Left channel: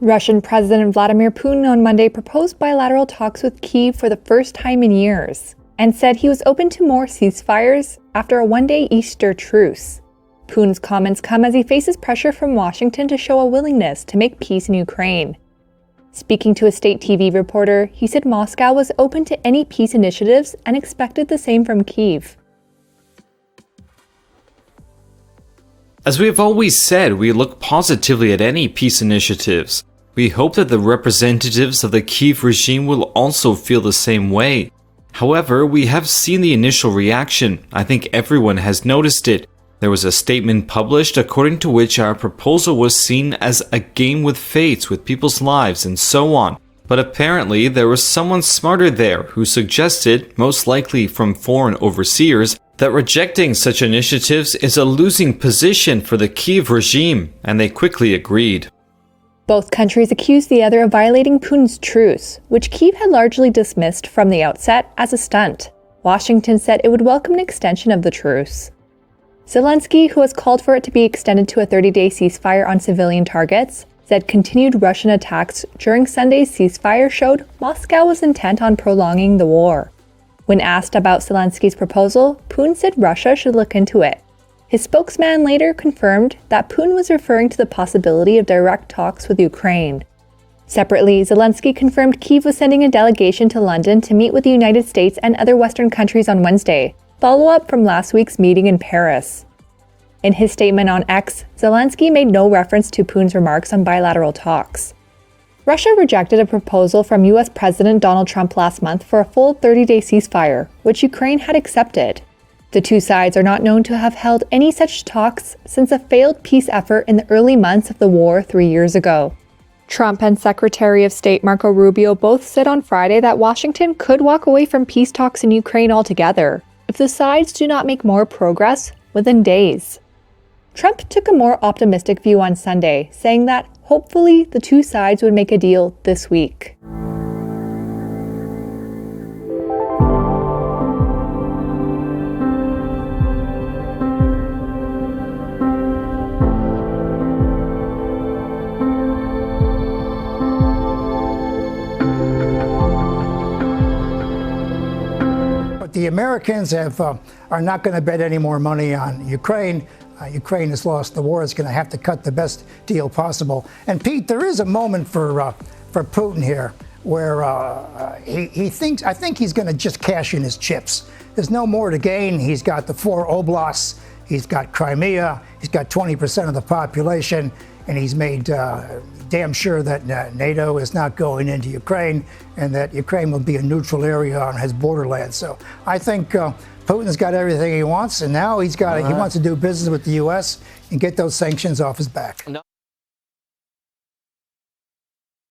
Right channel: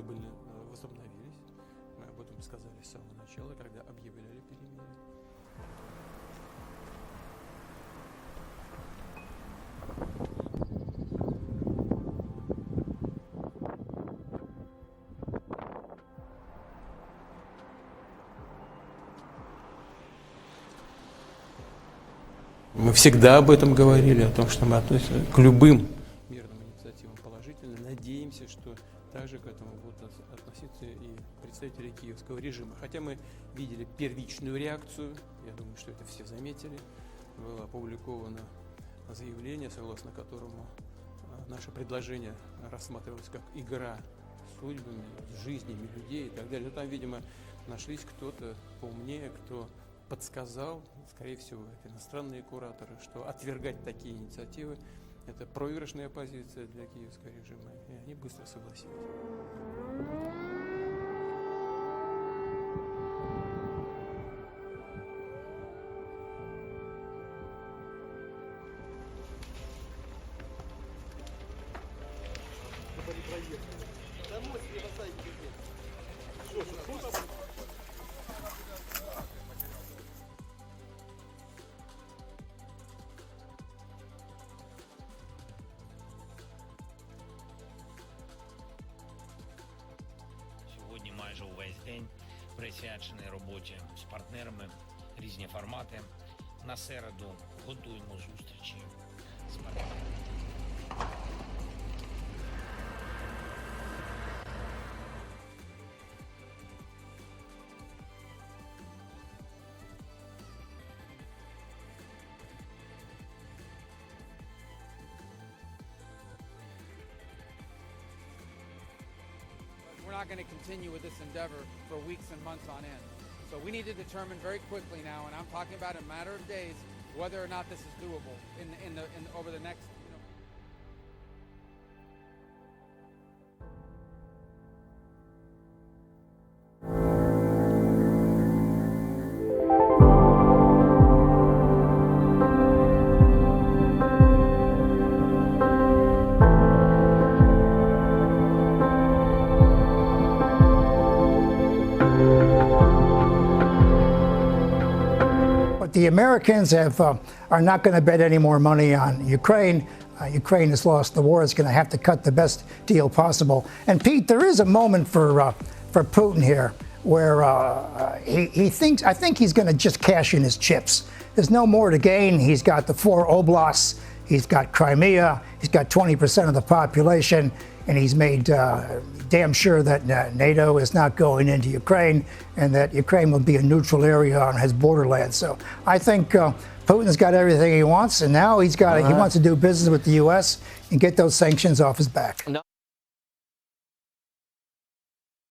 Russian President Vladimir Putin on Monday proposed bilateral talks with Kyiv for the first time in years and said he was open to more ceasefires after a one-day Easter truce. Putin's comments come as he faces pressure from Washington to show a willingness to make peace in Ukraine. Speaking to a state TV reporter, he said Moscow was open to any peace initiatives and expected the same from Kyiv. As we have always said, we look positively at any peace initiatives. We hope that the representatives of the Kyiv regime will also feel the same way. However, we have seen the initial reaction. I think everyone has noticed it. There was a statement published according to which our proposal was seen as a game with fates, with people's lives, and so on. But apparently there was someone smarter there who suggested, most likely from foreign overseers, that rejecting such initiatives is a losing position for the Kyiv regime, and they quickly agreed. Both countries accused the other of violating Putin's truce, which Kyiv had largely dismissed from the outset as a stunt. Washington said it would welcome an extension of the truce. Zelensky, who has called for it to be extended to a 30-day ceasefire on civilian targets, said continued Russian attacks during Sunday's ceasefire showed Moscow was intent on prolonging the war. When asked about Zelensky's proposal, Putin said Russia should look into it. His spokesman later confirmed that Putin was referring to the possibility of direct talks with Ukraine. Separately, Zelensky confirmed Kyiv was sending a delegation to London to meet with the United States and other Western countries on Wednesday, follow-up from last week's meeting in Paris. In his statement on X, Zelensky made no reference to Putin's remarks on bilateral talks. Russia rejected a proposal from U.S. President Donald Trump last month for a full 30-day ceasefire, which Ukraine had accepted. The two sides are not known to have held any such talks since a failed peace effort in the early months of the war 3 years ago. Trump and Secretary of State Marco Rubio both said on Friday that Washington could walk away from peace talks in Ukraine altogether if the sides do not make more progress within days. Trump took a more optimistic view on Sunday, saying that hopefully the two sides would make a deal this week. But the Americans are not going to bet any more money on Ukraine. Ukraine has lost the war. It's going to have to cut the best deal possible. And Pete, there is a moment for Putin here where he thinks, I think he's going to just cash in his chips. There's no more to gain. He's got the 4 oblasts. He's got Crimea. He's got 20% of the population. And he's made damn sure that NATO is not going into Ukraine and that Ukraine will be a neutral area on his borderland. So I think Putin's got everything he wants, and now he wants to do business with the U.S. and get those sanctions off his back.